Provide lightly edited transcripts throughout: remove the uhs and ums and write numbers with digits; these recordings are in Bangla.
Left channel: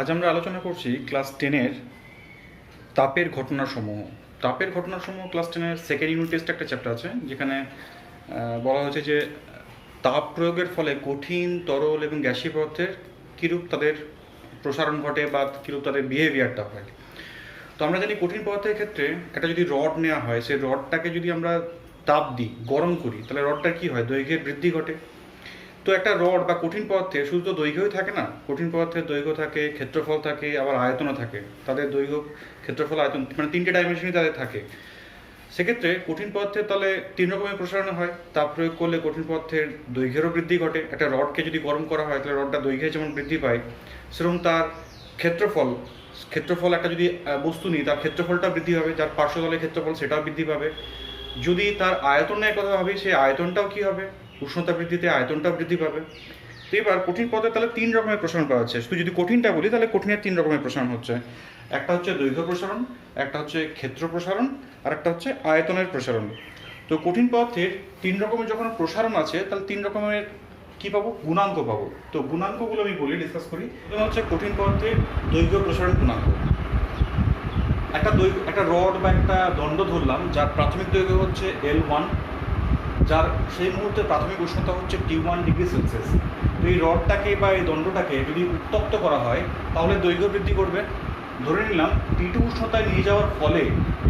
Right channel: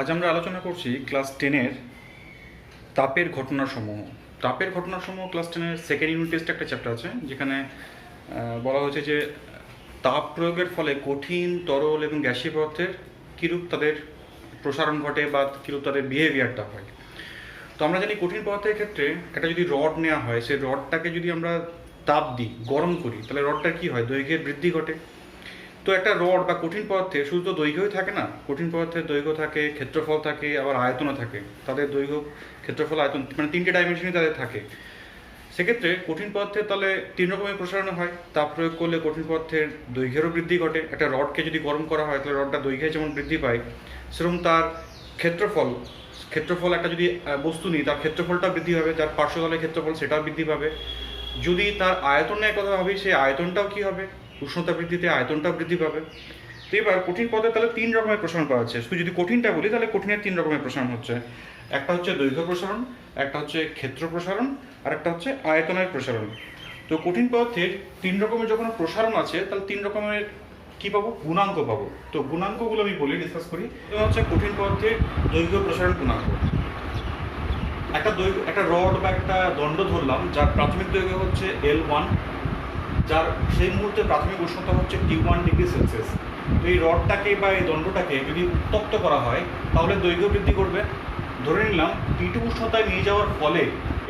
আজ আমরা আলোচনা করছি ক্লাস 10-এর তাপের ঘটনাসমূহ। তাপের ঘটনাসমূহ ক্লাস 10-এর সেকেন্ড ইউনিট টেস্ট একটা চ্যাপ্টার আছে, যেখানে বলা হয়েছে যে তাপ প্রয়োগের ফলে কঠিন, তরল এবং গ্যাসীয় পদার্থের কীরূপ তাদের প্রসারণ ঘটে বা কীরূপ তাদের বিহেভিয়ারটা হয়। তো আমরা জানি কঠিন পদার্থের ক্ষেত্রে একটা যদি রড নেওয়া হয়, সেই রডটাকে যদি আমরা তাপ দিই, গরম করি, তাহলে রডটার কী হয়? দৈর্ঘ্যের বৃদ্ধি ঘটে। তো একটা রড বা কঠিন পদার্থে শুধু তো দৈর্ঘ্যই থাকে না, কঠিন পদার্থের দৈর্ঘ্য থাকে, ক্ষেত্রফল থাকে, আবার আয়তনও থাকে। তাদের দৈর্ঘ্য, ক্ষেত্রফল, আয়তন, মানে তিনটে ডাইমেনশনই তাদের থাকে। সেক্ষেত্রে কঠিন পদার্থের তাহলে তিন রকমের প্রসারণ হয়। তাপ প্রয়োগ করলে কঠিন পদার্থের দৈর্ঘ্যেরও বৃদ্ধি ঘটে। একটা রডকে যদি গরম করা হয়, তাহলে রডটা দৈর্ঘ্যে যেমন বৃদ্ধি পায়, সেরকম তার ক্ষেত্রফল একটা যদি বস্তু নিই, তার ক্ষেত্রফলটা বৃদ্ধি হবে, যার পার্শ্বতলের ক্ষেত্রফল সেটাও বৃদ্ধি পাবে। যদি তার আয়তনের কথা ভাবি, সেই আয়তনটাও কী হবে? উষ্ণতা বৃদ্ধিতে আয়তনটাও বৃদ্ধি পাবে। তো এবার কঠিন পদার্থে তাহলে তিন রকমের প্রসারণ পাওয়া যাচ্ছে। শুধু যদি কঠিনটা বলি, তাহলে কঠিনের তিন রকমের প্রসারণ হচ্ছে। একটা হচ্ছে দৈর্ঘ্য প্রসারণ, একটা হচ্ছে ক্ষেত্র প্রসারণ, আর একটা হচ্ছে আয়তনের প্রসারণ। তো কঠিন পদার্থের তিন রকমের যখন প্রসারণ আছে, তাহলে তিন রকমের কি পাবো? গুণাঙ্ক পাবো। তো গুণাঙ্কগুলো আমি বলি, ডিসকাস করি। হচ্ছে কঠিন পদার্থের দৈর্ঘ্য প্রসারণ গুণাঙ্ক। একটা রড বা একটা দণ্ড ধরলাম, যার প্রাথমিক দৈর্ঘ্য হচ্ছে L1, যার সেই মুহূর্তে প্রাথমিক উষ্ণতা হচ্ছে T1 ডিগ্রি সেলসিয়াস। তো এই রডটাকে বা এই দণ্ডটাকে যদি উত্তপ্ত করা হয়, তাহলে দৈর্ঘ্য বৃদ্ধি করবে। ধরে নিলাম T2 উষ্ণতায় নিয়ে যাওয়ার ফলে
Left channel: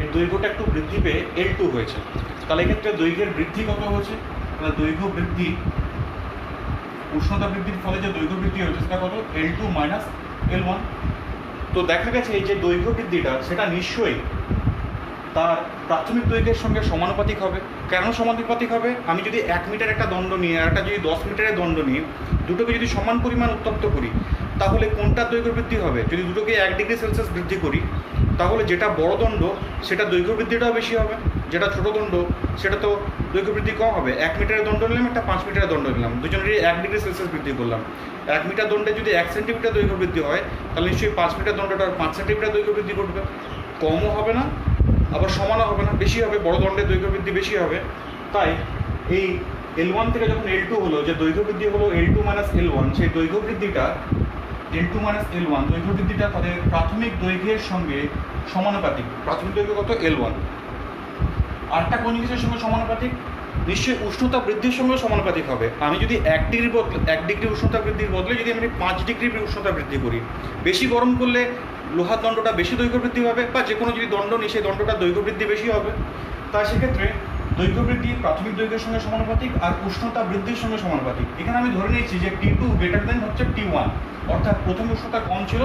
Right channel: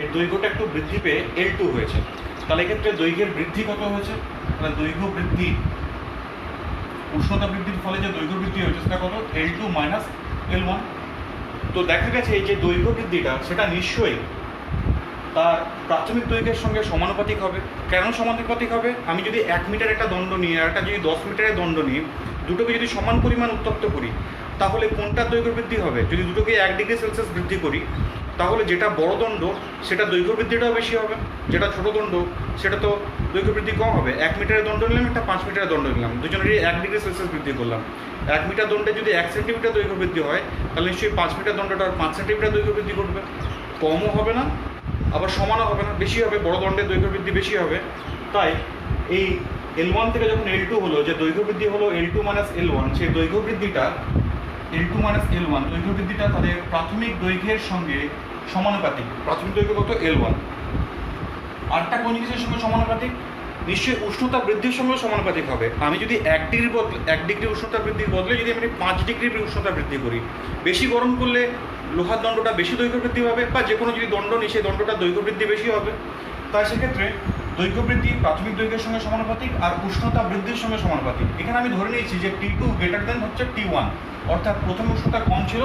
এর দৈর্ঘ্যটা একটু বৃদ্ধি পেয়ে L2 হয়েছে। তাহলে এক্ষেত্রে দৈর্ঘ্যের বৃদ্ধি কত হয়েছে? মানে দৈর্ঘ্য বৃদ্ধি, উষ্ণতা বৃদ্ধির ফলে যে দৈর্ঘ্য বৃদ্ধি হয়েছে সেটা কত? L2 minus L1। তো দেখা গেছে এই যে দৈর্ঘ্য বৃদ্ধিটা, সেটা নিশ্চয়ই তার প্রাথমিক দৈর্ঘ্যের সঙ্গে সমানুপাতিক হবে। কেন সমানুপাতিক হবে? আমি যদি 1 মিটার একটা দণ্ড নিই আর একটা যদি 10 মিটারের দণ্ড নিই, দুটোকে যদি সমান পরিমাণ উত্তপ্ত করি, তাহলে কোনটার দৈর্ঘ্য বৃদ্ধি হবে? যদি দুটোকে 1 ডিগ্রি সেলসিয়াস বৃদ্ধি করি, তাহলে যেটা বড় দণ্ড সেটা দৈর্ঘ্য বৃদ্ধিটাও বেশি হবে, যেটা ছোট দণ্ড সেটা তো দৈর্ঘ্য বৃদ্ধি কম হবে। 1 মিটারের দণ্ড নিলাম, একটা 5 মিটারের দণ্ড নিলাম, দুজনেরই 1 ডিগ্রি সেলসিয়াস বৃদ্ধি করলাম। 1 মিটার দণ্ডে যদি 1 সেন্টিমিটার দৈর্ঘ্য বৃদ্ধি হয়, তাহলে নিশ্চয়ই 5 মিটার দণ্ডটা 5 সেন্টিমিটার দৈর্ঘ্য বৃদ্ধি করবে। কমও হবে না, আবার সমানও হবে না, বেশি হবে। বড় দণ্ডের দৈর্ঘ্য বৃদ্ধি বেশি হবে। তাই এই L1 থেকে যখন L2 হলো, যে দৈর্ঘ্য বৃদ্ধি হলো L2 মাইনাস L1, সেই দৈর্ঘ্য বৃদ্ধিটা L2 মাইনাস L1 দৈর্ঘ্য বৃদ্ধিটা তাদের প্রাথমিক দৈর্ঘ্যের সঙ্গে সমানুপাতিক। প্রাথমিক দৈর্ঘ্য কত? L1। আরেকটা কোন জিনিসের সঙ্গে সমানুপাতিক? নিশ্চয়ই উষ্ণতা বৃদ্ধির সঙ্গে সমানুপাতিক হবে। আমি যদি 1 ডিগ্রি উষ্ণতা বৃদ্ধির বদলে যদি আমি 5 ডিগ্রি উষ্ণতা বৃদ্ধি করি, বেশি গরম করলে লোহার দণ্ডটা বেশি দৈর্ঘ্য বৃদ্ধি হবে, বা যে কোনো যদি দণ্ড নিই, সেই দণ্ডটার দৈর্ঘ্য বৃদ্ধি বেশি হবে। তাই সেক্ষেত্রে দৈর্ঘ্য বৃদ্ধি প্রাথমিক দৈর্ঘ্যের সঙ্গে সমানুপাতিক আর উষ্ণতা বৃদ্ধির সঙ্গে সমানুপাতিক। এখানে আমি ধরে নিয়েছি যে T2 গ্রেটার দেন হচ্ছে T1, অর্থাৎ প্রথমে উষ্ণতা কম ছিল,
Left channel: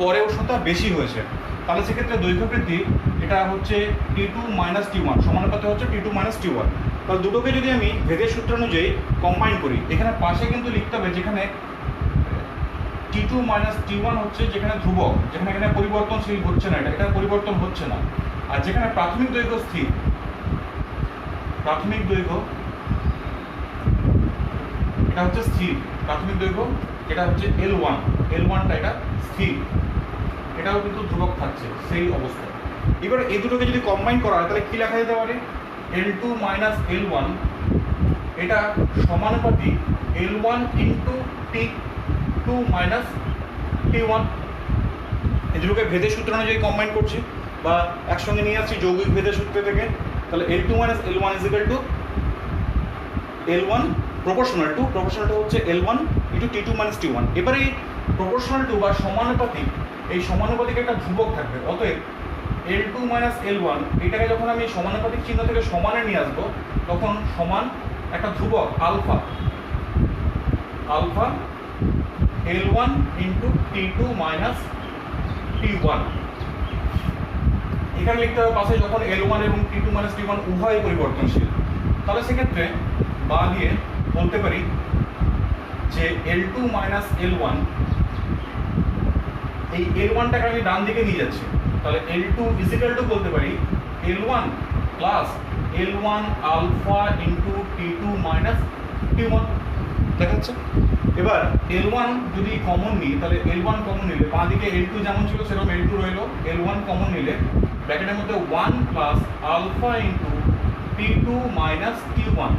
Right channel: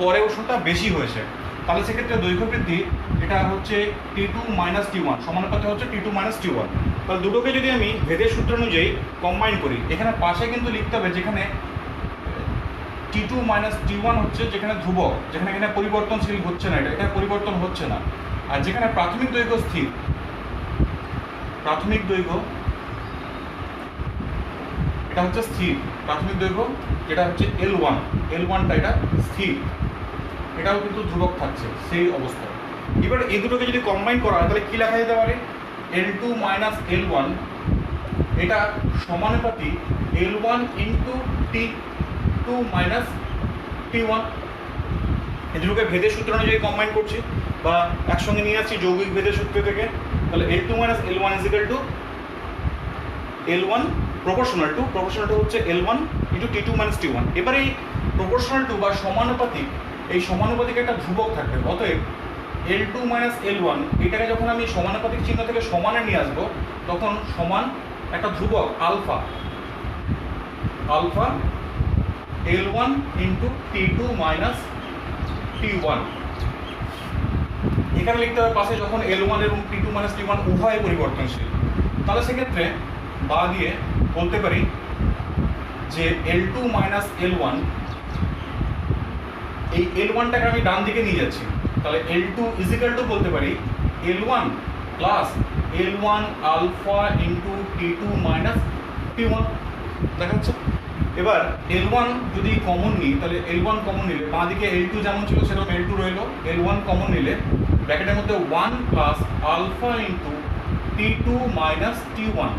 পরে উষ্ণতা বেশি হয়েছে। তাহলে সেক্ষেত্রে দৈর্ঘ্য বৃদ্ধি এটা হচ্ছে T2 মাইনাস T1, সমানুপাতে হচ্ছে T2 মাইনাস T1। তাহলে দুটোকে যদি আমি ভেদের সূত্র অনুযায়ী কম্বাইন করি, এখানে পাশে কিন্তু লিখতে হবে যেখানে T2 মাইনাস T1 হচ্ছে যেখানে ধ্রুবক, যেখানে এখানে পরিবর্তনশীল হচ্ছে না, এটা পরিবর্তন হচ্ছে না। আর যেখানে প্রাথমিক দৈর্ঘ্য স্থির, প্রাথমিক দৈর্ঘ্য এটা হচ্ছে স্থির, প্রাথমিক দৈর্ঘ্য যেটা হচ্ছে L1টা এটা স্থির, এটাও কিন্তু ধ্রুবক থাকছে সেই অবস্থায়। এবার এই দুটোকে যদি কম্বাইন করা হয়, তাহলে কী লেখা যেতে পারে? L2 মাইনাস L1 এটা সমানুপাতিক L1 into T2 minus T1। এই দুটোকে ভেদের সূত্র অনুযায়ী কম্বাইন করছি বা একসঙ্গে নিয়ে আসছি যৌগিক ভেদের সূত্র থেকে। তাহলে L2 minus L1 is equal two L1 proportional to হচ্ছে L1 into T2 minus T1। এবার এই প্রপোর্শনাল টু বা সমানুপাতিক, এই সমানুপাতিক একটা ধ্রুবক থাকবে। অতএব L2 মাইনাস L1 এটাকে যখন আমি সমানুপাতিক চিহ্ন থেকে সমানে নিয়ে আসবো, তখন সমান একটা ধ্রুবক alpha L1 into T2 minus T1। এখানে লিখতে হবে পাশে যখন L1 এবং T2 মাইনাস T1 উভয় পরিবর্তনশীল, তাহলে সেক্ষেত্রে বা দিয়ে বলতে পারি যে L2 মাইনাস L1, এই L1টাকে আমি ডান দিকে নিয়ে যাচ্ছি, তাহলে L2 ইজ ইকুয়াল টু বলতে পারি L1 plus L1 alpha into T2 minus T1। দেখা যাচ্ছে? এবার L1 যদি কমন নিই, তাহলে L1 কমন নিলে বাঁ দিকে L2 যেমন ছিল সেরকম L2 রইল। L1 কমন নিলে ব্র্যাকেটের মধ্যে 1 plus alpha into T2 minus T1।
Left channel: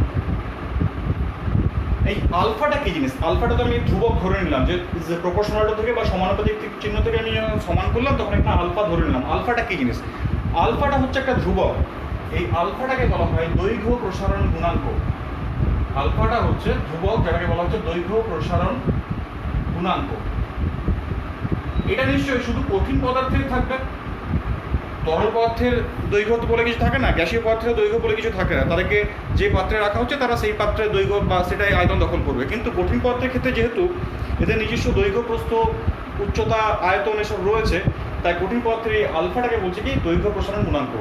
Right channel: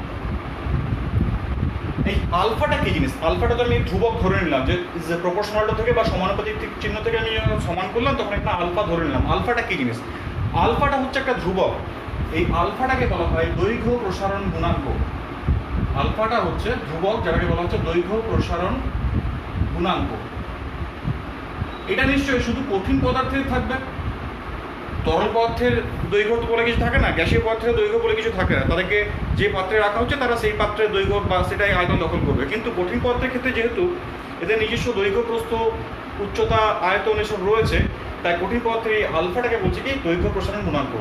এই আলফাটা কি জিনিস? আলফাটা তো আমি ধ্রুবক ধরে নিলাম, যে প্রপোর্শনাল থেকে বা সমানুপাতিক চিহ্ন থেকে আমি যখন সমান করলাম তখন একটা আলফা ধরে নিলাম। আলফাটা কি জিনিস? আলফাটা হচ্ছে একটা ধ্রুবক। এই আলফাটাকে বলা হয় দৈর্ঘ্য প্রসারণ গুণাঙ্ক। আলফাটা হচ্ছে ধ্রুবক, যেটাকে বলা হচ্ছে দৈর্ঘ্য প্রসারণ গুণাঙ্ক। এটা নিশ্চয়ই শুধু কঠিন পদার্থের থাকবে, তরল পদার্থের দৈর্ঘ্য বলে কিছু থাকে না, গ্যাসীয় পদার্থের দৈর্ঘ্য বলে কিছু থাকে না। তাদেরকে যে পাত্রে রাখা হচ্ছে তারা সেই পাত্রের দৈর্ঘ্য বা সেটাই আয়তন দখল করবে। কিন্তু কঠিন পদার্থের ক্ষেত্রে যেহেতু এদের নিজস্ব দৈর্ঘ্য, প্রস্থ, উচ্চতা, আয়তন এসব রয়েছে, তাই কঠিন পদার্থের এই আলফাটাকে বলছে কি দৈর্ঘ্য প্রসারণ গুণাঙ্ক।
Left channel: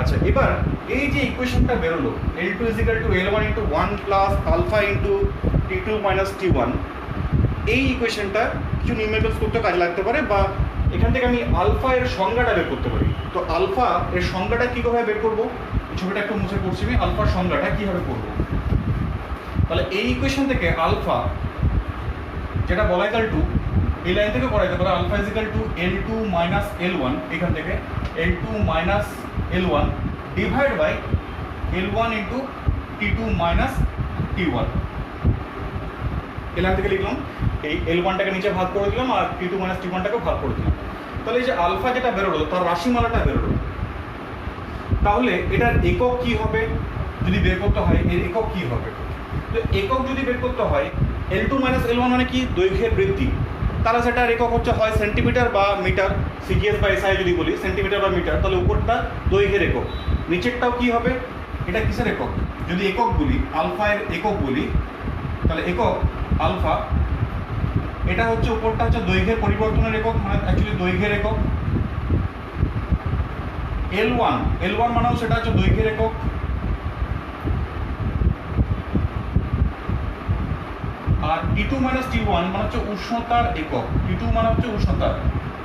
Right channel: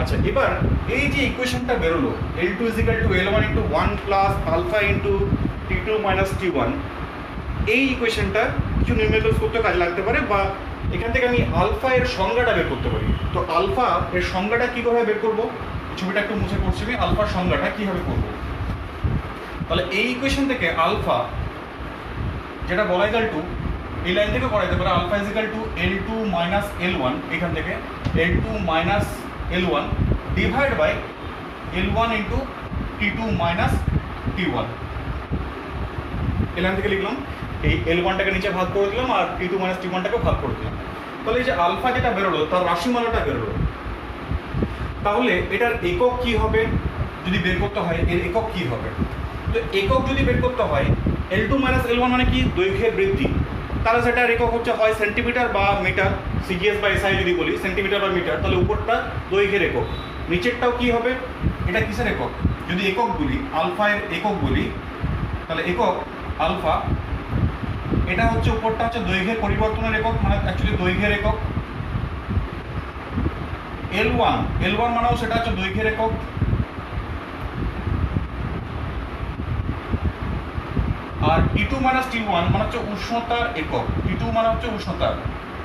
আচ্ছা, এবার এই যে ইকুয়েশনটা বেরোলো L2 = L1 × 1 + alpha × T2 - T1, এই ইকুয়েশনটা কিছু নিউমেরিক্যাল করতে কাজে লাগতে পারে, বা এখান থেকে আমি আলফা এর সংজ্ঞাটা বের করতে পারি। তো আলফা এর সংজ্ঞাটা কীভাবে বের করবো, ছবিটা একটু মুছে করছি আমি। আলফার সংজ্ঞাটা কীভাবে করবো? তাহলে এই ইকুয়েশন থেকে আলফা যেটা বলা ইকাল টু, এই লাইন থেকে করা যেতে পারে আলফা = L2 - L1, এখান থেকে L2 - L1 divide by L1 × T2 - T1। এই লাইন থেকে লিখলাম, এই L1টাকে নিচে ভাগ করে দিলাম আর T2 - T1টাকে ভাগ করে দিলাম। তাহলে এই যে আলফা যেটা বেরোলো তার রাশিমালাটা বেরোলো। তাহলে এটার একক কি হবে যদি বের করতে হয়? এর একক কি হবে? তো একক যদি বের করতে হয়, L2 - L1 মানে কি দৈর্ঘ্যের বৃদ্ধি, তাহলে সেটার একক হচ্ছে হয় সেন্টিমিটার বা মিটার, সিজিএস বা এসআই যদি বলি সেন্টিমিটার বা মিটার, তাহলে উপরটা দৈর্ঘ্যের একক, নিচেরটাও কি হবে? এটা কিসের একক? যদি একক বলি, আলফা এর একক বলি, তাহলে একক আলফা, এটা হচ্ছে উপরটা হচ্ছে দৈর্ঘ্যের পরিবর্তনের একক, মানে অ্যাকচুয়ালি দৈর্ঘ্যের একক। L1 মানেও সেটা হচ্ছে দৈর্ঘ্যের একক। আর T2 - T1 মানে হচ্ছে উষ্ণতার একক। T2 মানে হচ্ছে উষ্ণতা,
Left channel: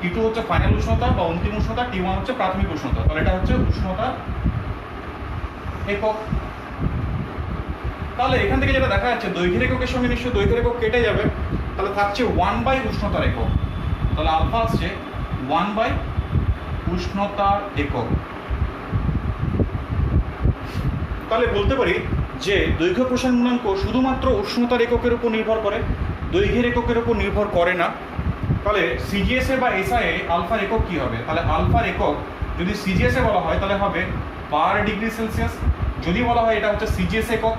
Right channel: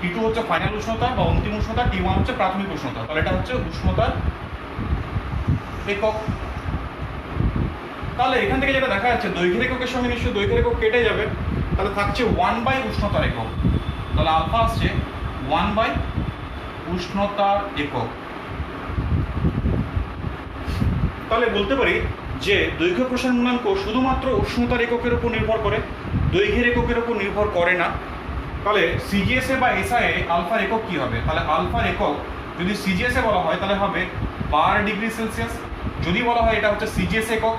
T2 হচ্ছে ফাইনাল উষ্ণতা বা অন্তিম উষ্ণতা, T1 হচ্ছে প্রাথমিক উষ্ণতা। তাহলে এটা হচ্ছে উষ্ণতার একক। তাহলে এখান থেকে যেটা দেখা যাচ্ছে দৈর্ঘ্যের এককের সঙ্গে নিশ্চয়ই দৈর্ঘ্যের একক কেটে যাবে, তাহলে থাকছে 1 / উষ্ণতার একক। তাহলে আলফা আসছে 1 / উষ্ণতার একক। তাহলে বলতে পারি যে দৈর্ঘ্য প্রসারণ গুণাঙ্ক শুধুমাত্র উষ্ণতার এককের উপর নির্ভর করে, দৈর্ঘ্যের এককের উপর নির্ভর করে না। তাহলে সিজিএসএ বা এসআইএ আলফার একক কী হবে? তাহলে আলফার একক যদি সিজিএসএ বলা হয় তাহলে হবে পার ডিগ্রি সেলসিয়াস, যদি বলা হয় এটা হচ্ছে সিজিএস একক,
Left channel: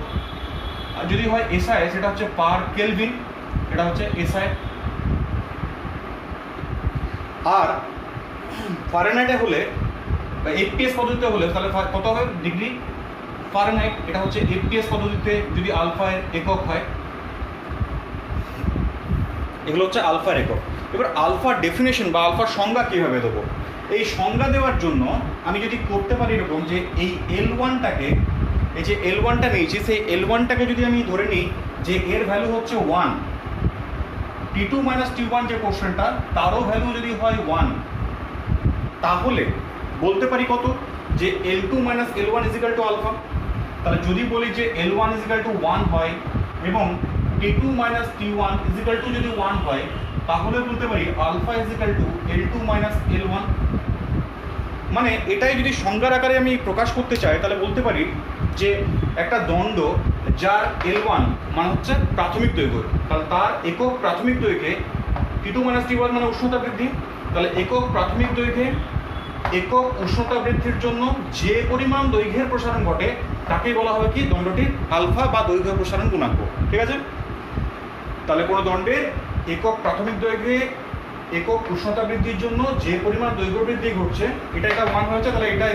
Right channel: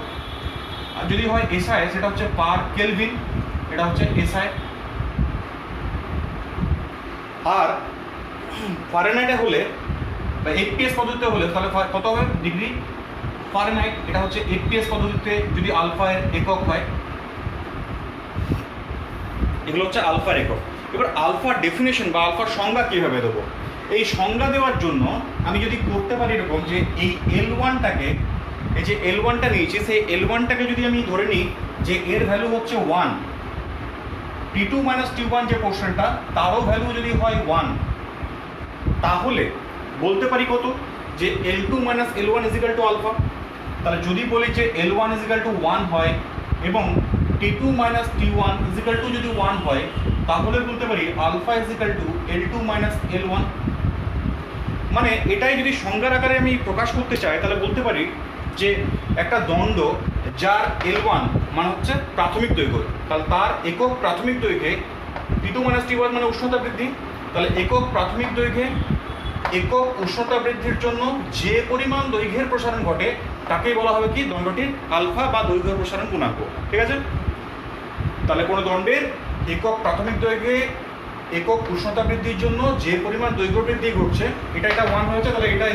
আর যদি হয় এসআই সেটা হচ্ছে পার কেলভিন, এটা হচ্ছে এসআই। আর ফারেনহাইটে হলে বা এফপিএস পদ্ধতিতে হলে তাহলে কত হবে? ডিগ্রি ফারেনহাইট, এটা হচ্ছে এফপিএস পদ্ধতিতে যদি আলফা এর একক হয়। এগুলো হচ্ছে আলফার একক। এবার আলফার ডেফিনেশন বা আলফার সংজ্ঞা কীভাবে দেবো? এই সংজ্ঞা দেওয়ার জন্য আমি যদি করতে পারি এরকম যে এই L1টাকে, এই যে L1টা নিয়েছি, সেই L1টাকে যদি আমি ধরে নিই যে এর ভ্যালু হচ্ছে 1, T2 - T1 যে পোর্শনটা তারও ভ্যালু যদি হয় 1, তাহলে বলতে পারি কত? যে L2 - L1 = আলফা। তাহলে যদি বলি যে L1 = 1 হয় এবং T2 - T1 যদি 1 হয়, তাহলে বলতে পারি আলফা L2 - L1। মানে এটাই যদি সংজ্ঞার আকারে আমি প্রকাশ করতে চাই তাহলে বলতে পারি যে একটা দণ্ড যার L1 মানে হচ্ছে প্রাথমিক দৈর্ঘ্য, তাহলে তার একক প্রাথমিক দৈর্ঘ্যে T2 - T1 মানে উষ্ণতা বৃদ্ধি, তাহলে একক প্রাথমিক দৈর্ঘ্যে একক উষ্ণতা বৃদ্ধির জন্য যে পরিমাণ দৈর্ঘ্যের প্রসারণ ঘটে তাকেই বলা হবে কি দণ্ডটির আলফা বা দৈর্ঘ্য প্রসারণ গুণাঙ্ক। ঠিক আছে? তাহলে কোনো দণ্ডের একক প্রাথমিক দৈর্ঘ্যে একক উষ্ণতা বৃদ্ধির জন্য যে পরিমাণ দৈর্ঘ্য বৃদ্ধি ঘটছে, এটা 1 হয়েছে, তাহলে এটা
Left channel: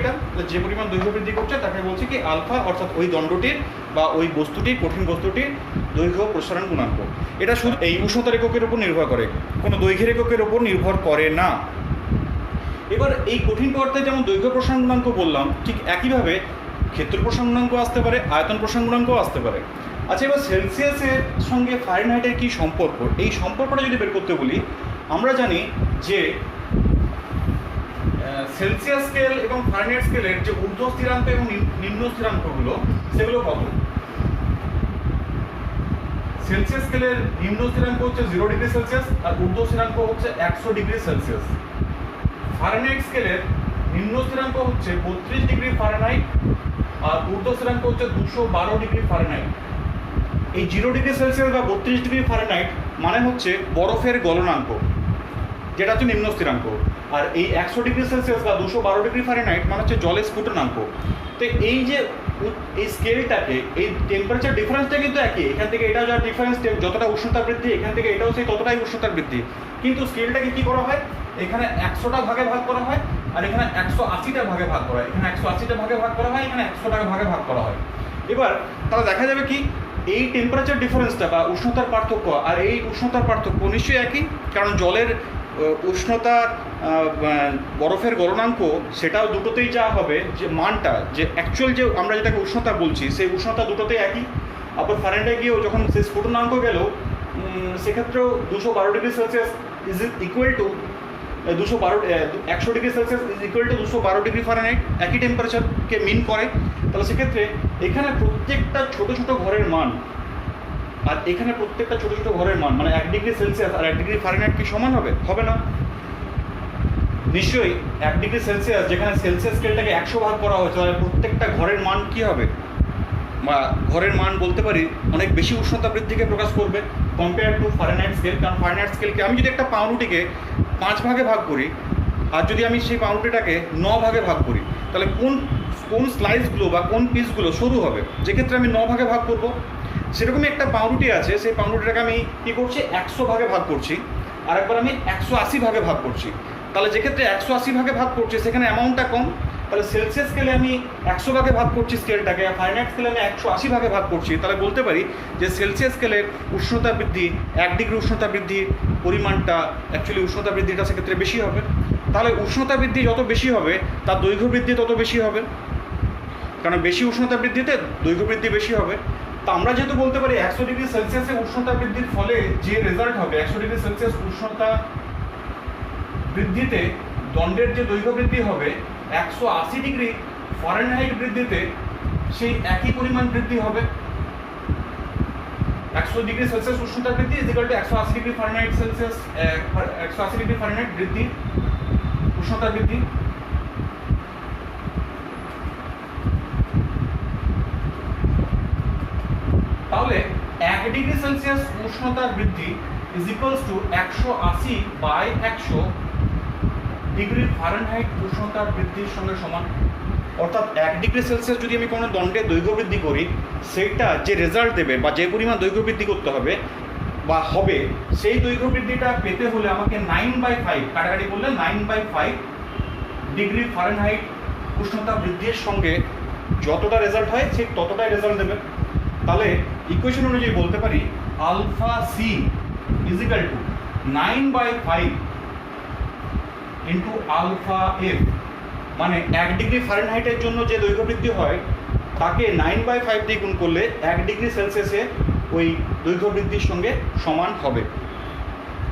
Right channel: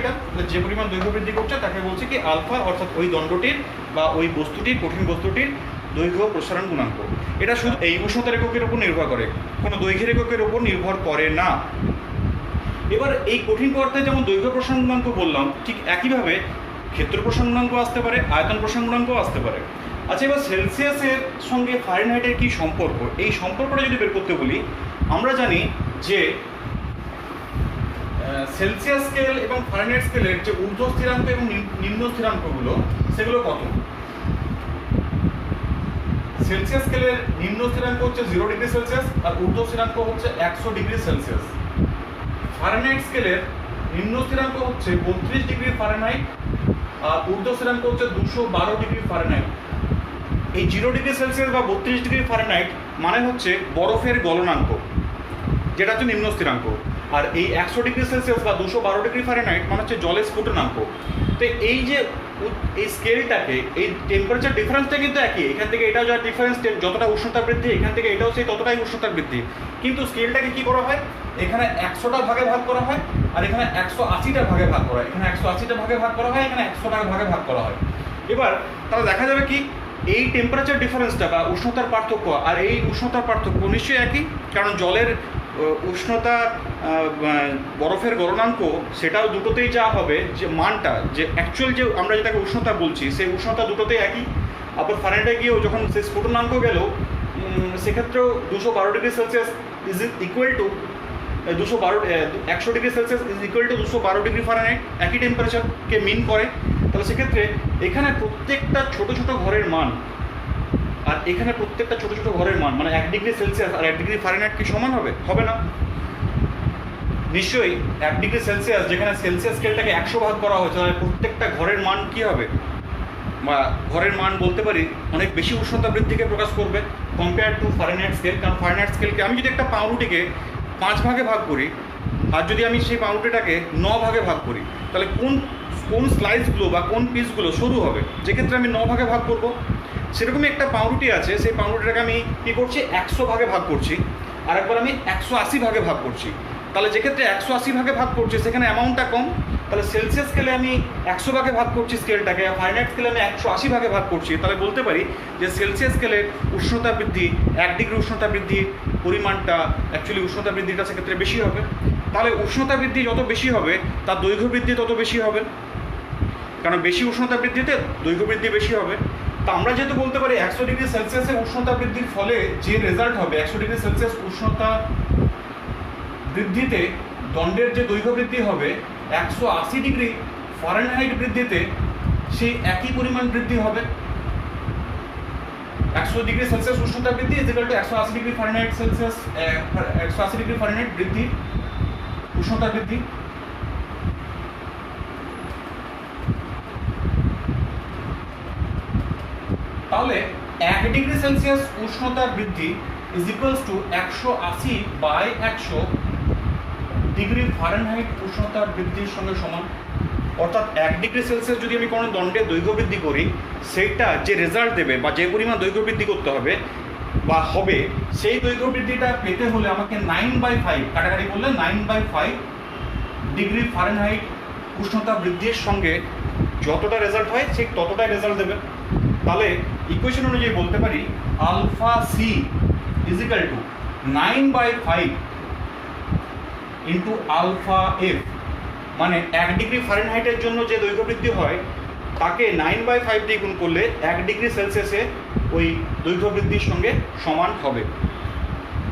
এটা যে পরিমাণ দৈর্ঘ্য বৃদ্ধি ঘটছে তাকে বলছি কি আলফা, অর্থাৎ ওই দণ্ডটির বা ওই বস্তুটির, কঠিন বস্তুটির দৈর্ঘ্য প্রসারণ গুণাঙ্ক। এটা শুধু এই উষ্ণতার এককের উপর নির্ভর করে, কোনো দৈর্ঘ্যের এককের উপর নির্ভর করে না। এবার এই কঠিন পদার্থে যেমন দৈর্ঘ্য প্রসারণ গুণাঙ্ক বললাম, ঠিক একইভাবে ক্ষেত্র প্রসারণ গুণাঙ্ক আসতে পারে, আয়তন প্রসারণ গুণাঙ্কও আসতে পারে। আচ্ছা, এবার সেলসিয়াসের সঙ্গে ফারেনহাইটের কী সম্পর্ক? এই সম্পর্কটা যদি বের করতে বলি, আমরা জানি যে সেলসিয়াস স্কেল এবং ফারেনহাইট স্কেলের যে ঊর্ধ্ব স্থিরাঙ্ক এবং নিম্ন স্থিরাঙ্কগুলো সেগুলো কত? সেলসিয়াস স্কেলের নিম্ন স্থিরাঙ্ক হচ্ছে 0 ডিগ্রি সেলসিয়াস আর ঊর্ধ্ব স্থিরাঙ্ক হচ্ছে 100 ডিগ্রি সেলসিয়াস। ফারেনহাইট স্কেলের নিম্ন স্থিরাঙ্ক হচ্ছে 32 ডিগ্রি ফারেনহাইট আর ঊর্ধ্ব স্থিরাঙ্ক হচ্ছে 212 ডিগ্রি ফারেনহাইট। এই 0°C বা 32°F মানে হচ্ছে বরফের গলনাঙ্ক, যেটা হচ্ছে নিম্ন স্থিরাঙ্ক। আর এই 100°C বা 212°F মানে হচ্ছে জলের স্ফুটনাঙ্ক। তো এই যে এই স্কেলটাকে, এই টেম্পারেচার ডিফারেন্সটা কিন্তু একই, এখান থেকে এটাও যা ডিফারেন্স, যতটা উষ্ণতা বৃদ্ধি এখান থেকে এটাও সেই ততটাই উষ্ণতা বৃদ্ধি, কিন্তু স্কেলটাকে কী করা হয়, এখানে 100টা ভাগে ভাগ করা হয় আর এখানে 180টা ভাগে ভাগ করা হয়, এখানে 180টা ভাগে ভাগ করা হয়, এখানে 100টা ভাগে ভাগ করা হয়। এবার তাহলে দেখা যাবে কি এই টেম্পারেচার ডিফারেন্সটা বা উষ্ণতার পার্থক্য আর এই উষ্ণতার পার্থক্য নিশ্চয়ই একই, কারণ জলের উষ্ণতা, বরফের গলনাঙ্ক সেটাও দুটোতেই যা হবে, যে মানটা, যে অ্যাকচুয়াল যে আমরা যেটাকে উষ্ণতা বলছি সেই উষ্ণতা দুটোতেই একই। আবার ফারেনহাইটে গিয়েও যখন সেই স্ফুটনাঙ্ক গেল, সেক্ষেত্রেও 212°C is equal two 100°C is equal two 212°F, একই টেম্পারেচারকে মিন করে। তাহলে সেক্ষেত্রে এখানে প্রত্যেকটা ছোটো ছোটো ঘরের মান আর এখানে প্রত্যেকটা ছোটো ছোটো ঘরের মান, মানে 1°C আর 1°F কি সমান হবে? হবে না। নিশ্চয়ই 1°C যেখানে সেলসিয়াস স্কেলটাকে 100 ভাগ করা হয়েছে, তাহলে প্রত্যেকটা ঘরের মান কী হবে, বা ঘরের মান বলতে পারি অনেক বেশি উষ্ণতা বৃদ্ধিকে প্রকাশ করবে কম্পেয়ার টু ফারেনহাইট স্কেল। কারণ ফারেনহাইট স্কেলকে আমি যদি একটা পাউরুটিকে 5 ভাগে ভাগ করি আর যদি আমি সেই পাউরুটিটাকে 9 ভাগে ভাগ করি, তাহলে কোন কোন স্লাইসগুলো বা কোন পিসগুলো সরু হবে, যেক্ষেত্রে আমি 9 ভাগে ভাগ করব। সেরকমই একটা পাউরুটি আছে, সেই পাউরুটিটাকে আমি কী করছি, 100 ভাগে ভাগ করছি, আরেকবার আমি 180 ভাগে ভাগ করছি। তাহলে যেক্ষেত্রে 180 ভাগে ভাগ করছি সেখানে অ্যামাউন্টটা কম, তাহলে সেলসিয়াস স্কেলে আমি 100 ভাগে ভাগ করছি স্কেলটাকে, আর ফারেনহাইট স্কেলে আমি 180 ভাগে ভাগ করছি। তাহলে বলতে পারি যে সেলসিয়াস স্কেলের উষ্ণতা বৃদ্ধি, 1° উষ্ণতা বৃদ্ধির পরিমাণটা, অ্যাকচুয়ালি উষ্ণতা বৃদ্ধিটা সেক্ষেত্রে বেশি হবে। তাহলে উষ্ণতা বৃদ্ধি যত বেশি হবে তার দৈর্ঘ্য বৃদ্ধি তত বেশি হবে, কারণ বেশি উষ্ণতা বৃদ্ধিতে দৈর্ঘ্য বৃদ্ধি বেশি হবে। তো আমরা যেহেতু বলতে পারি 100°C উষ্ণতা বৃদ্ধির ফলে যে রেজাল্ট হবে, 100°C উষ্ণতা বৃদ্ধিতে দণ্ডের যে দৈর্ঘ্য বৃদ্ধি হবে, 180°F বৃদ্ধিতে সেই একই পরিমাণ বৃদ্ধি হবে। 100°C উষ্ণতা বৃদ্ধি is equal two 180°F 180°F বৃদ্ধি, উষ্ণতা বৃদ্ধি। তাহলে 1°C উষ্ণতার বৃদ্ধি ইজ ইকুয়ালস টু 180/100°F উষ্ণতার বৃদ্ধির সঙ্গে সমান। অর্থাৎ 1°C যদি আমি কোনো দণ্ডের দৈর্ঘ্য বৃদ্ধি করি, সেইটা যে রেজাল্ট দেবে বা যে পরিমাণ দৈর্ঘ্য বৃদ্ধি করতে হবে বা হবে, সেই দৈর্ঘ্য বৃদ্ধিটা পেতে হলে আমাকে 9/5 কাটাকাটি করলে 9/5°F উষ্ণতা বৃদ্ধির সঙ্গে যতটা রেজাল্ট হয় ঠিক ততটাই রেজাল্ট দেবে। তাহলে ইকুয়েশন অনুযায়ী বলতে পারি alpha C is equal to 9/5 into alpha F, মানে 1°F জন্য যে দৈর্ঘ্য বৃদ্ধি হয় তাকে 9/5 দিয়ে গুণ করলে 1°C ওই দৈর্ঘ্য বৃদ্ধির সঙ্গে সমান হবে।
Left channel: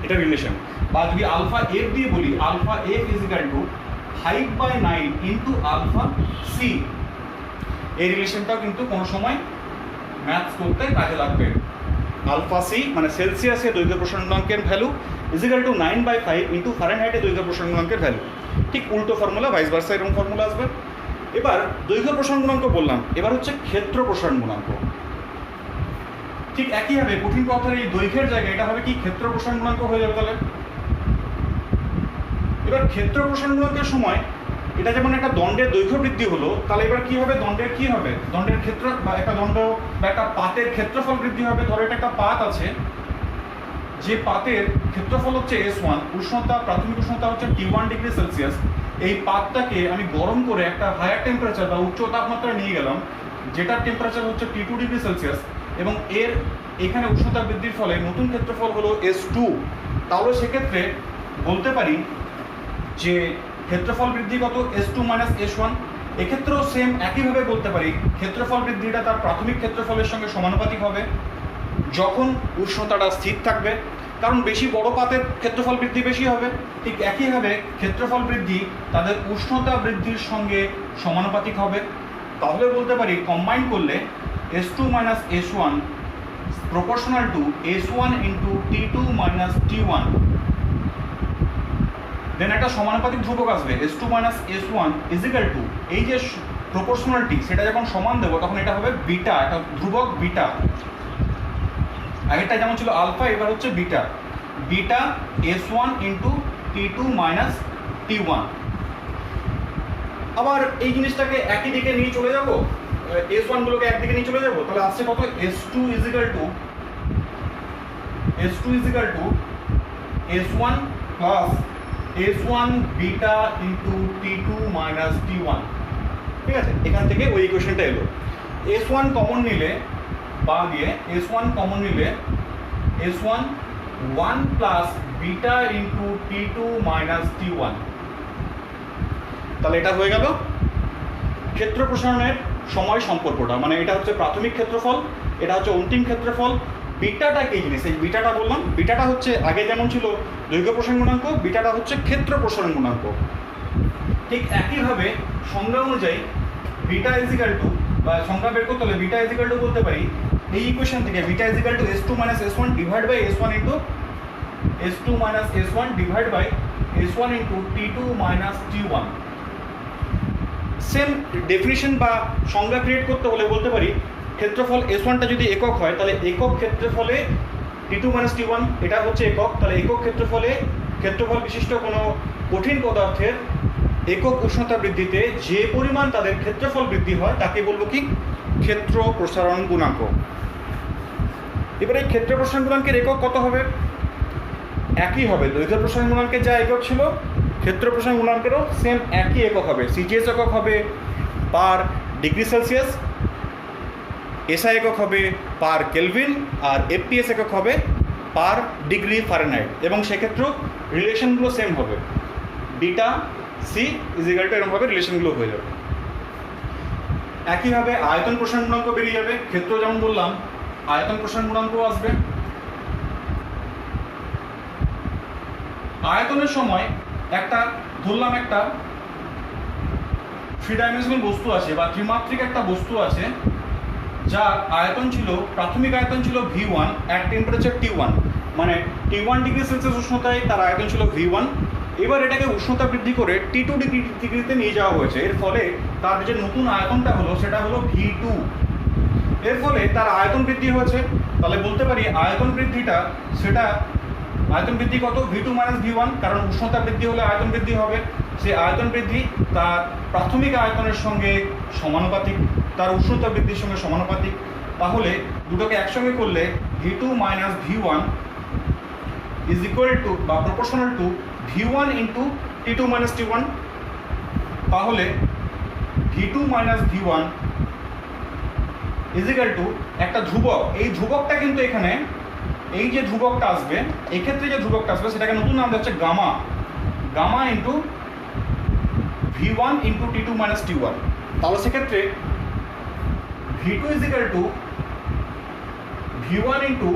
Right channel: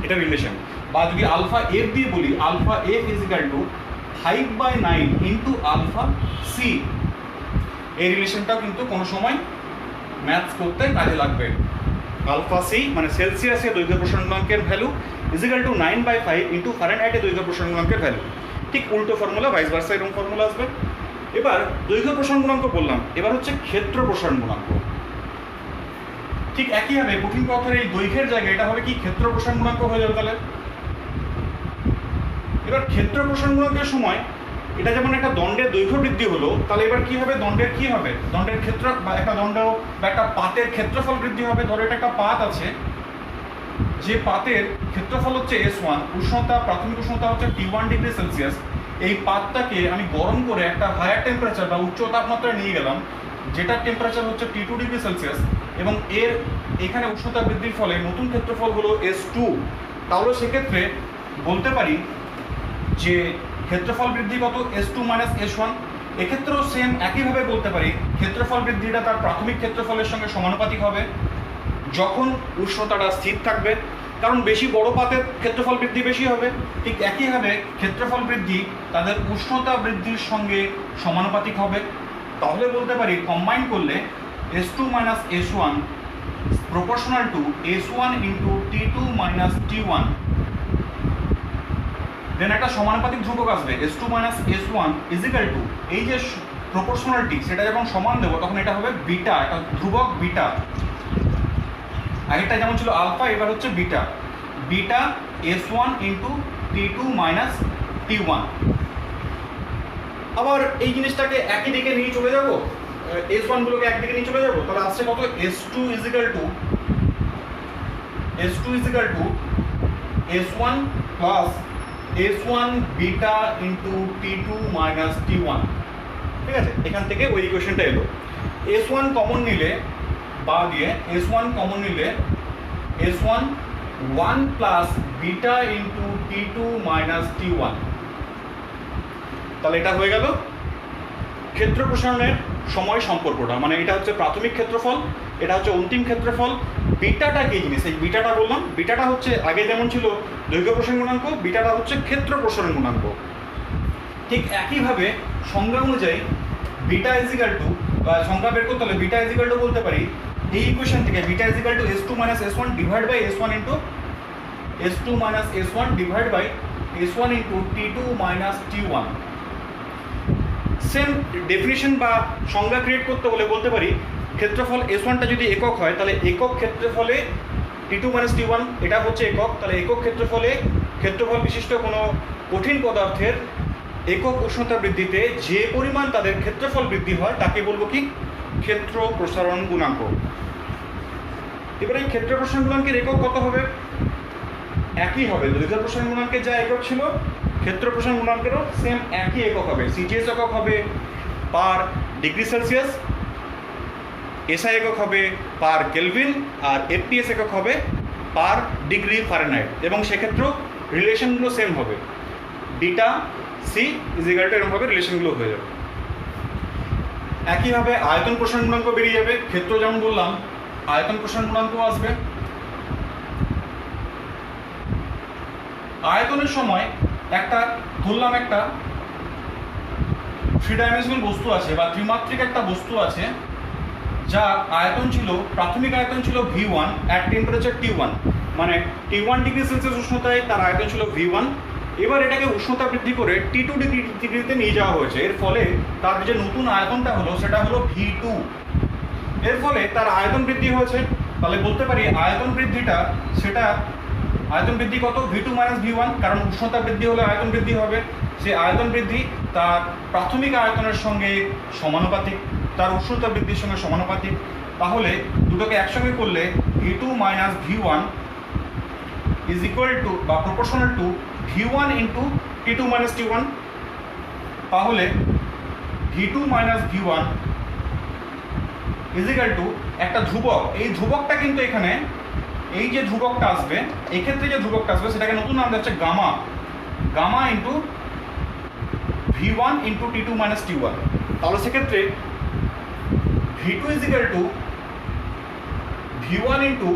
এটা রিলেশন। বা যদি আলফা এফ দিয়ে বলি, alpha F is equal to 5/9 into alpha C. এই রিলেশনটাও কিন্তু কোনো সময় ম্যাথস করতে কাজে লাগবে। আলফা সি মানে সেলসিয়াসের দৈর্ঘ্য প্রসারণ গুণাঙ্কের value is equal to 9/5 into ফারেনহাইটের দৈর্ঘ্য প্রসারণ গুণাঙ্কের ভ্যালু। ঠিক উল্টো ফর্মুলা, ভাইস ভার্সা এরকম ফর্মুলা আসবে। এবার দৈর্ঘ্য প্রসারণ গুণাঙ্ক বললাম, এবার হচ্ছে ক্ষেত্র প্রসারণ গুণাঙ্ক। ঠিক একইভাবে কঠিন পথের এই দৈর্ঘ্যের জায়গায় এটা হবে কি, ক্ষেত্র প্রসারণ গুণাঙ্ক হয়ে যাবে। তাহলে এবার ক্ষেত্র প্রসারণ গুণাঙ্কের সময় এটা যেমন একটা দণ্ডের দৈর্ঘ্য বৃদ্ধি হলো, তাহলে এবার কি হবে, দণ্ডের কি হবে, দণ্ডের ক্ষেত্র বা একটা দণ্ড বা একটা পাতের ক্ষেত্রফল বৃদ্ধি হবে। ধরো এটা একটা পাত আছে, যে পাতের ক্ষেত্রফল হচ্ছে S1, উষ্ণতা, প্রাথমিক উষ্ণতা হচ্ছে T1°C। এই পাতটাকে আমি গরম করে একটা হায়ার টেম্পারেচার বা উচ্চ তাপমাত্রায় নিয়ে গেলাম, যেটার টেম্পারেচার হচ্ছে T2°C, এবং এর এখানে উষ্ণতা বৃদ্ধির ফলে নতুন ক্ষেত্রফল হলো S2। তাহলে সেক্ষেত্রে বলতে পারি যে ক্ষেত্রফল বৃদ্ধি কত, S2 - S1। এক্ষেত্রেও সেম একইভাবে বলতে পারি ক্ষেত্রফল বৃদ্ধিটা তার প্রাথমিক ক্ষেত্রফলের সঙ্গে সমানুপাতিক হবে যখন উষ্ণতাটা স্থির থাকবে, কারণ বেশি বড় পাতের ক্ষেত্রফল বৃদ্ধি বেশি হবে। ঠিক একইভাবে ক্ষেত্রফল বৃদ্ধি তাদের উষ্ণতা বৃদ্ধির সঙ্গে সমানুপাতিক হবে। তাহলে বলতে পারি কম্বাইন করলে S2 - S1 proportional to S1 into T2 - T1। দেন একটা সমানুপাতিক ধ্রুবক আসবে, S2 - S1 is equal two, এই যে প্রপোর্শনালিটি সেটা যখন সমান দেবো তখন এটা হবে বিটা, একটা ধ্রুবক বিটা। আগেরটা যেমন ছিল আলফা, এবার হচ্ছে beta. Beta S1 into T2 minus T1। আবার এই জিনিসটাকে একই দিকে নিয়ে চলে যাবো, S1 গুলোকে একদিকে নিয়ে চলে যাবো, তাহলে আসছে কত S2 is equal to S1 plus S1 beta into T2 minus T1। ঠিক আছে, এখান থেকে ওই ইকুয়েশনটা এলো। S1 কমন নিলে বা দিয়ে S1 কমন নিলে S1 1 plus beta into T2 minus T1। তাহলে এটা হয়ে গেল ক্ষেত্র প্রসারণের সময় সম্পর্কটা, মানে এটা হচ্ছে প্রাথমিক ক্ষেত্রফল, এটা হচ্ছে অন্তিম ক্ষেত্রফল। বিটাটা কি জিনিস, এই বিটাটা বললাম, বিটাটা হচ্ছে আগে যেমন ছিল দৈর্ঘ্য প্রসারণ গুণাঙ্ক, বিটাটা হচ্ছে ক্ষেত্র প্রসারণ গুণাঙ্ক। ঠিক একইভাবে সংজ্ঞা অনুযায়ী বিটা ইজিক্যাল টু, বা সংজ্ঞা বের করতে হলে বিটা ইজিক্যাল টু বলতে পারি এই ইকুয়েশন থেকে beta is equal to S2 minus S1 divide by S1 into S2 minus S1 divide by S1 into T2 minus T1। Same definition বা সংজ্ঞা ক্রিয়েট করতে হলে বলতে পারি ক্ষেত্রফল S1টা যদি একক হয় তাহলে একক ক্ষেত্রফলে T2 মাইনাস T1 এটা হচ্ছে একক, তাহলে একক ক্ষেত্রফল বিশিষ্ট কোনো কঠিন পদার্থের একক উষ্ণতা বৃদ্ধিতে যে পরিমাণ তাদের ক্ষেত্রফল বৃদ্ধি হয় তাকে বলবো কি ক্ষেত্র প্রসারণ গুণাঙ্ক। এবারে ক্ষেত্র প্রসারণ গুণাঙ্কের একক কত হবে, একই হবে, দৈর্ঘ্য প্রসারণ গুণাঙ্কের যা একক ছিল ক্ষেত্র প্রসারণ গুণাঙ্কেরও সেম একই একক হবে। সিজিএস একক হবে পার ডিগ্রি সেলসিয়াস, এসআই একক হবে পার কেলভিন, আর এফপিএস একক হবে পার ডিগ্রি ফারেনহাইট। এবং সেক্ষেত্রেও রিলেশনগুলো সেম হবে, বিটা সি ইজিক্যাল টু এরকমভাবে রিলেশনগুলো হয়ে যাবে। একইভাবে আয়তন প্রসারণ গুণাঙ্ক বেরিয়ে যাবে, ক্ষেত্র যেমন বললাম আয়তন প্রসারণ গুণাঙ্কও আসবে। আয়তনের সময় একটা ধরলাম একটা থ্রি ডাইমেনশনাল বস্তু আছে বা ত্রিমাত্রিক একটা বস্তু আছে, যা আয়তন ছিল, প্রাথমিক আয়তন ছিল V1 অ্যাট টেম্পারেচার T1, মানে T1 ডিগ্রি সেলসিয়াস উষ্ণতায় তার আয়তন ছিল V1। এবার এটাকে উষ্ণতা বৃদ্ধি করে T2 ডিগ্রিতে নিয়ে যাওয়া হয়েছে, এর ফলে তার যে নতুন আয়তনটা হলো সেটা হলো V2। এর ফলে তার আয়তন বৃদ্ধি হয়েছে, তাহলে বলতে পারি আয়তন বৃদ্ধিটা সেটা আয়তন বৃদ্ধি কত V2 মাইনাস V1, কারণ উষ্ণতা বৃদ্ধি হলে আয়তন বৃদ্ধি হবে। সেই আয়তন বৃদ্ধি তার প্রাথমিক আয়তনের সঙ্গে সমানুপাতিক, তার উষ্ণতা বৃদ্ধির সঙ্গে সমানুপাতিক। তাহলে দুটোকে একসঙ্গে করলে V2 minus V1 is equal to বা proportional to V1 into T2 minus T1। তাহলে V2 minus V1 is equal two একটা ধ্রুবক, এই ধ্রুবকটা কিন্তু এখানে এই যে ধ্রুবকটা আসবে, এক্ষেত্রে যে ধ্রুবকটা আসবে সেটাকে নতুন নাম দেওয়া হচ্ছে gamma, gamma into V1 into T2 minus T1। তাহলে সেক্ষেত্রে V2 is equal to V1 into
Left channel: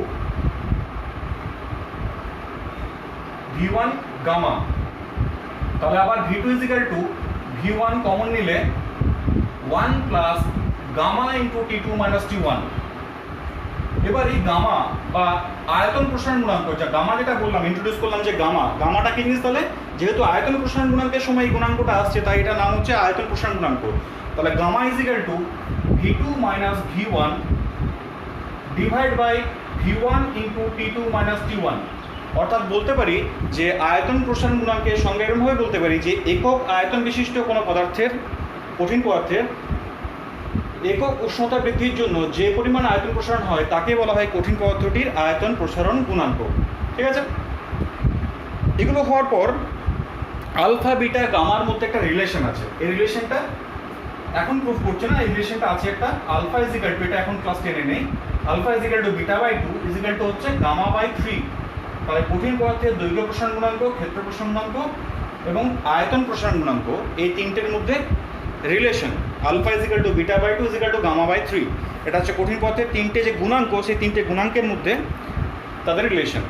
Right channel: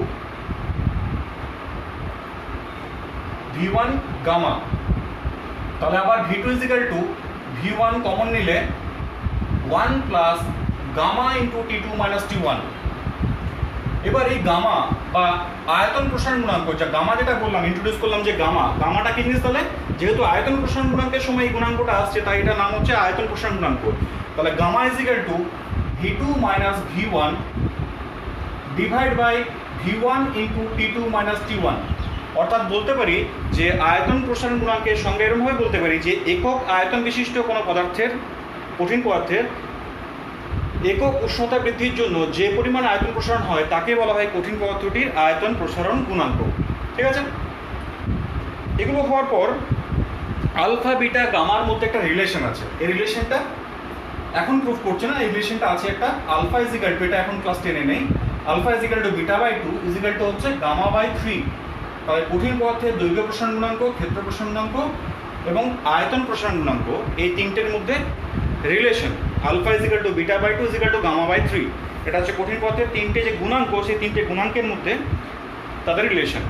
V1 gamma. তাহলে আবার V2 is equal to V1 common নিলে 1 plus gamma into T2 minus T1। এবার এই গামা বা আয়তন প্রসারণ গুণাঙ্ক, যা গামা যেটা বললাম ইন্ট্রোডিউস করলাম যে গামাটা কি জিনিস, তাহলে যেহেতু আয়তন প্রসারণ গুণাঙ্কের সময় এই গুণাঙ্কটা আসছে তাই এটার নাম হচ্ছে আয়তন প্রসারণ গুণাঙ্ক। তাহলে gamma is equal to V2 minus V1 divide by V1 into T2 minus T1। অর্থাৎ বলতে পারি যে আয়তন প্রসারণ গুণাঙ্কের সঙ্গে এরকমভাবে বলতে পারি যে একক আয়তন বিশিষ্ট কোনো পদার্থের, কঠিন পদার্থের একক উষ্ণতা বৃদ্ধির জন্য যে পরিমাণ আয়তন প্রসারণ হয় তাকে বলা হয় কঠিন পদার্থটির আয়তন প্রসারণ গুণাঙ্ক। ঠিক আছে, এগুলো হওয়ার পর আলফা বিটা গামার মধ্যে একটা রিলেশন আছে, এই রিলেশনটা এখন প্রুভ করছে না, এই রিলেশনটা আছে একটা আলফা ইজ ইকুয়াল টু, এটা এখন ক্লাস 10-এ নেই, alpha is equal to beta by 2 is equal to হচ্ছে গামা বাই 3। তাহলে কঠিন পদার্থের দৈর্ঘ্য প্রসারণ গুণাঙ্ক, ক্ষেত্র প্রসারণ গুণাঙ্ক এবং আয়তন প্রসারণ গুণাঙ্ক, এই তিনটের মধ্যে relation alpha is equal to beta by 2 is equal to gamma by 3। এটা হচ্ছে কঠিন পদার্থের তিনটে যে গুণাঙ্ক, সেই তিনটে গুণাঙ্কের মধ্যে তাদের রিলেশন।